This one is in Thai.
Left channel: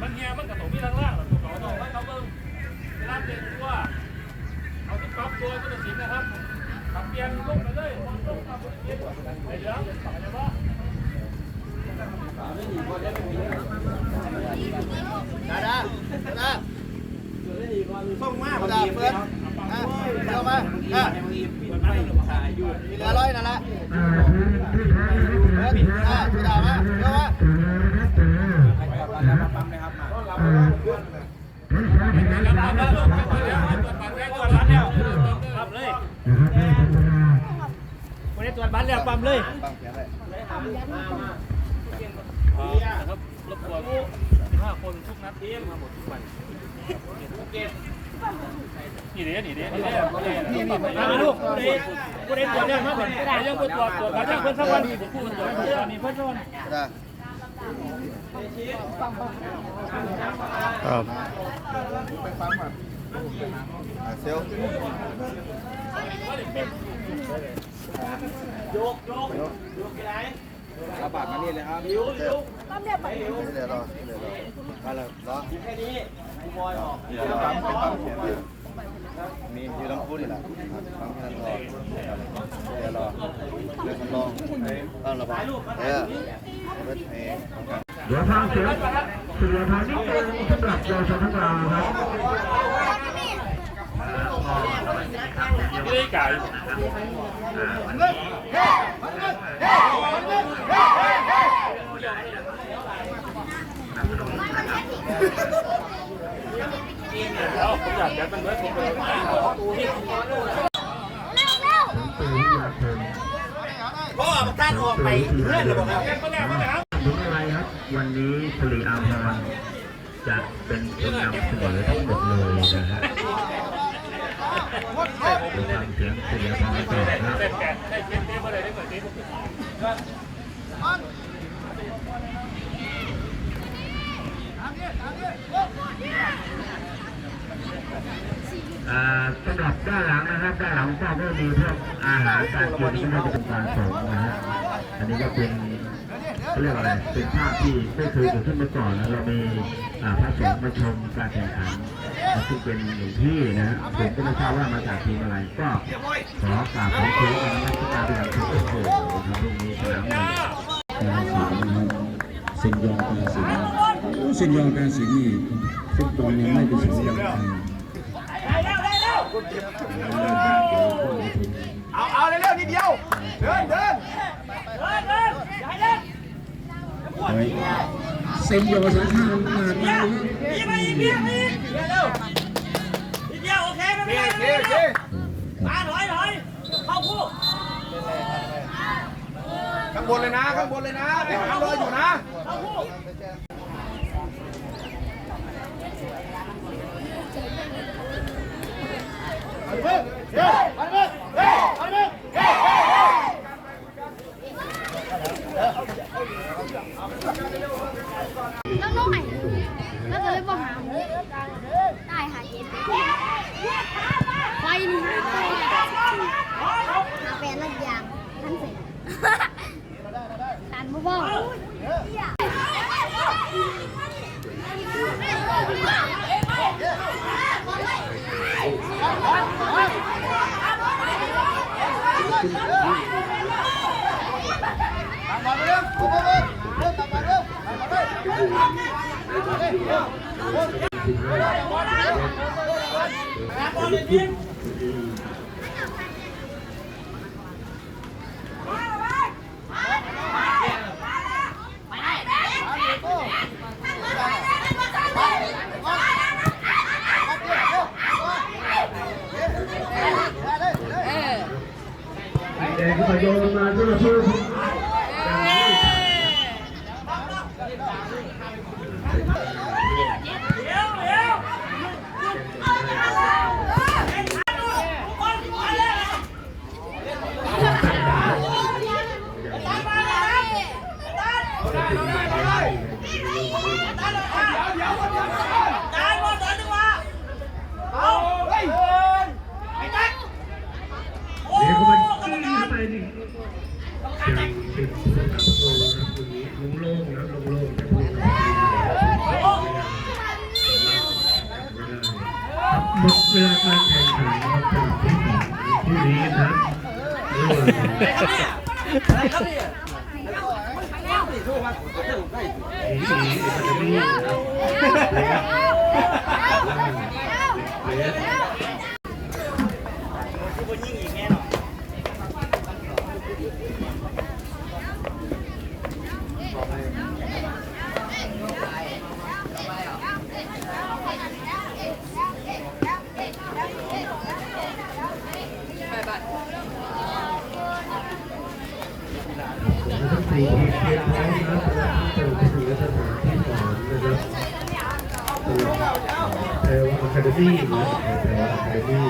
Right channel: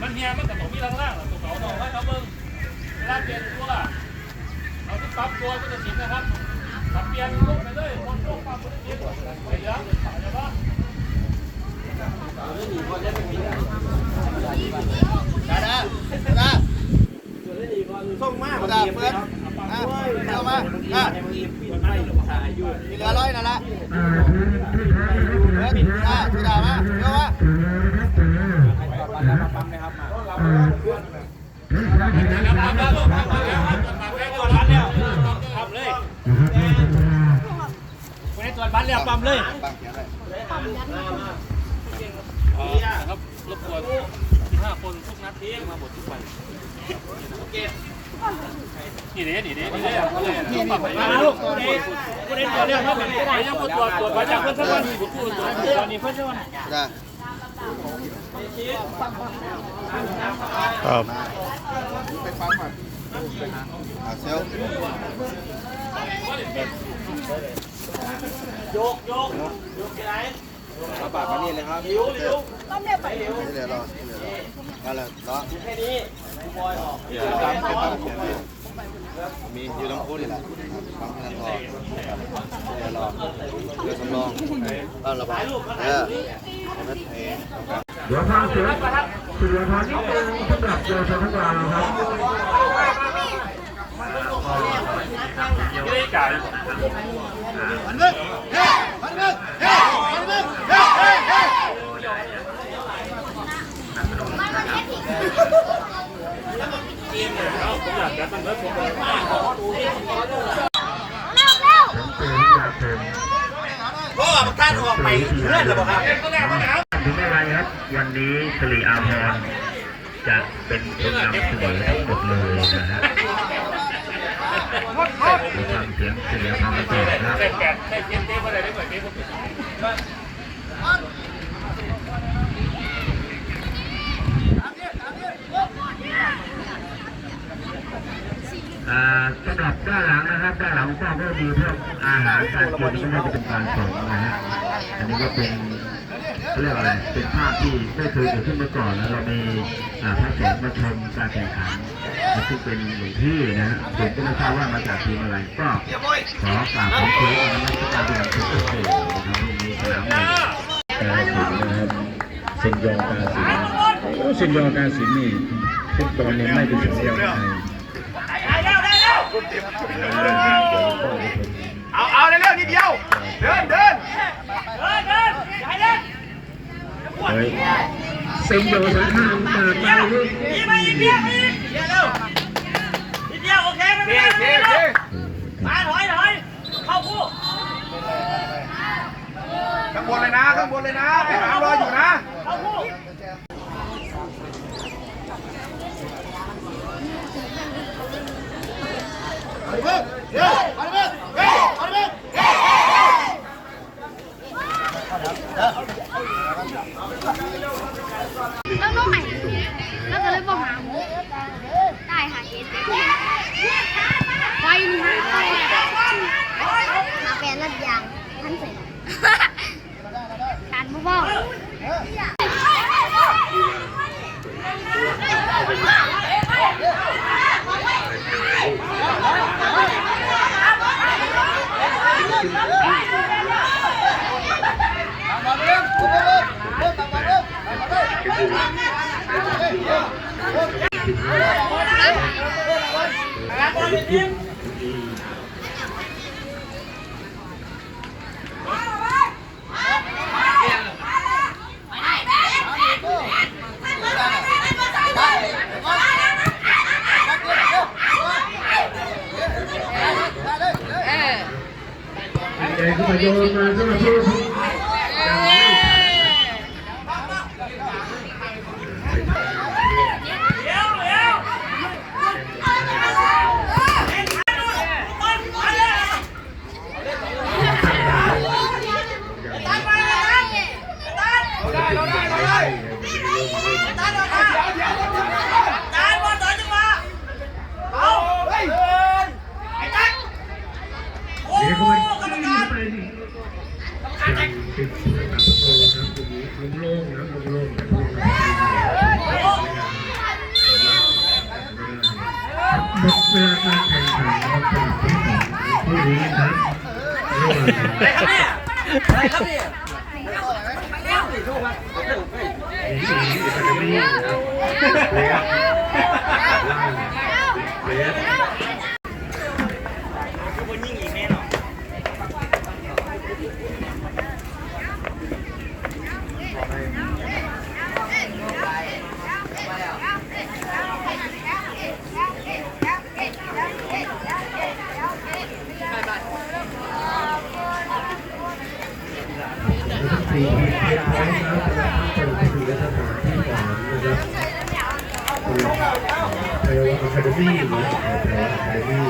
มันเฮียมันกับตรงนี้ล่างๆหรอตัวต่อให้เขาเบิ้งเวลาเปลี่ยนตัวเอาที่ปั๊บตัวก็จะสินนะครับขับเปลี่ยนลูกไปเลยมองลูกปั๊บก็จะสินไอ้เหลืองไอ้บ้าได้ได้ได้ส่งมาเพื่อนเพื่อนเอามาอะมีเหลือร้อยนั่นแหละเฮ้ยอะพี่ดาวมาเร็วมา ทำเลยวันนี้ ตรวจบัตรแล้วปั๊มเลยปังเขียนเลยครับรบกวนห้าคนทุกนัดทีมาหมดทุกวันนี่เด้นี่เด้นี่เด้มาลูกกูเด้กูเด้ตรวจเรื่องเขาแบบไปยังกูตรวจตรวจมาจากเพื่อนสักวันกูตรวจตอนนี้เพื่อนชนได้ ครับไปฟังมาอะเซลโยกโยกโยกไหนเอาปากมานี่เลยครับหิวหิวนี่เดี๋ยวรอนี่เดี๋ยวรอมาเลยรอแค่นี้กูบอยออกเดี๋ยวปั๊มไปปั๊มเขียนเลยมีอยู่ต้องพูดนี่แหละครับปั๊มที่นั่นทองครับเดี๋ยวรอเดี๋ยวสำรองเอาระบายเออรถ เดี๋ยวฟังเสียงเสียงทางนิดนึงสำหรับโยชนทั้งเราครับไม่ได้ไก่มันมึกเฮ้มันมึกเฮ้มันมึกเฮ้เฮ้เฮ้แล้วผมอยากจะตั้งเลิกผมเลยผมเจอที่ยาเต็ม พ่อมันการออกไปเพื่อนหรือเปล่าครับถึงอะไรครับวันนี้สิริอาภรณ์จะเป็นคนนำเสนอทั้งหมดเลยนะฮะเราฟังเสียงสิริอาภรณ์กันต่อครับ ได้แปดได้เจ็ดเต้มาได้ได้เหมือนเต้ผม อ่า สำหรับด้านหลังนะครับด้านหลังก็ก็มีพวกอาหารการกินก็ไม่ได้เป็นการสอนนะฮะอันนี้ก็เป็นเรียกว่าอะไรเป็นภาพที่ไม่เคยเกิดขึ้นมาก่อนแล้วเรามีอ่าพระสงฆ์มาชมการแข่งขันซึ่งเป็นหลวงพี่นะฮะผมก็ไม่ทราบว่ามาจากทีมอะไรก็ขอกราบขอบคุณนะครับการเป็นทุกคนนะครับวันนี้สนามใหม่กาสินนะครับเซนยองกาสินโอ้เซนยองกาสินนี่ฟุตบอลนี่ไม่เป็นสัญญาณไทย เอาเอาเร็วๆนิดเดียว เดินเดินเดินเดินขั้นบนเซ็งอยู่สาขามาไปเลยนิดเดียวโอเคไม่เป็นไรไม่เป็นไรมาถอยถอยเข้าคู่ข้างบนเลยนะข้างบนเลยนะไปหารออยู่นะ เข้าคู่ เฮ้ยเฮ้ยเฮ้ยเฮ้ยเฮ้ยเฮ้ย แล้วน้องใหม่แล้วก็เลยบอกหาหูได้หาเกณฑ์ไฟนี่หาแปหาแปดนัดยางทันเสร็จการบ่บอก มา เร็วมาเร็ ลุงโล่งนะลุงโล่งนะลุงโล่งหมดเวลาการแข่งขันครับผู้นี้ครับอะไรครับเนี่ยเลี้ย ทั้งสี่ทีมเตรียมพร้อมแล้วสถานที่สานนะครับเทวอะคาเดมี่นะเทวอะคาเดมี่